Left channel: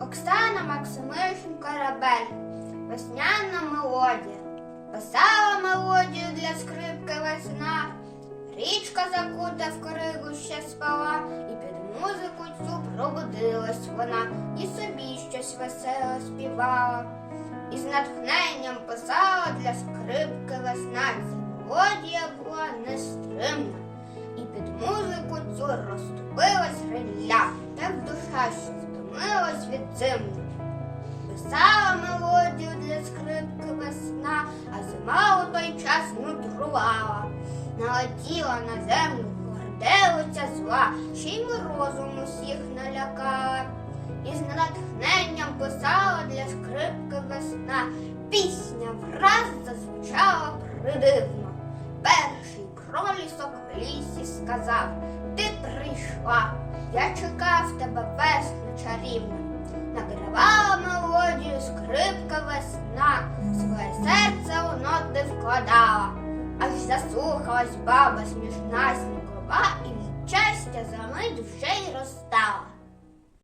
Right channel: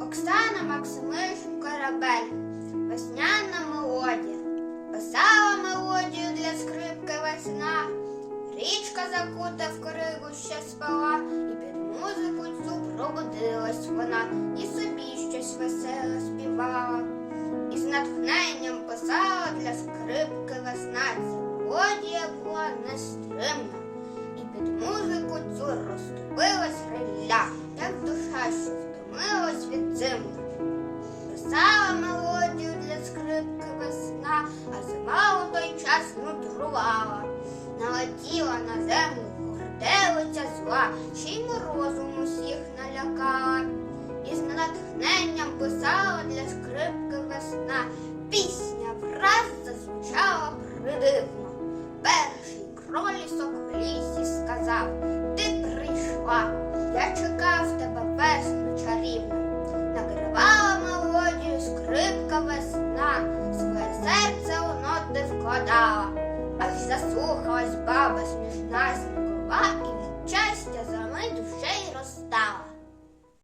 Оксана Максимишин Корабель. Весняна мелодія. Писала мелодію для скрипки весна. Річка закута в коригу ще спала, і під музику цю пробудилась вона, і собі щось веселе співала. І з натхненням писала для скрипки весна. Ця мелодія була нестримна. І під музику цю розступилась риля, як душа, що втомилась від зимна. Писала мелодію для скрипки весна, а зима у той час нудрувала. Налетіла на землю горделиця зла, ще й морозом усіх налякала. І з натхненням писала для скрипки весна. Пісня враз зазвучала придивно. Перший кролісок в лісі сказав: Ти прийшла, я чекав тебе весну чарівну. Награвала мелодію скрипка весна, своє серце у ноти вкладала, аж заслухалась баба смішна смікова і від щастя за мить вже й розстала.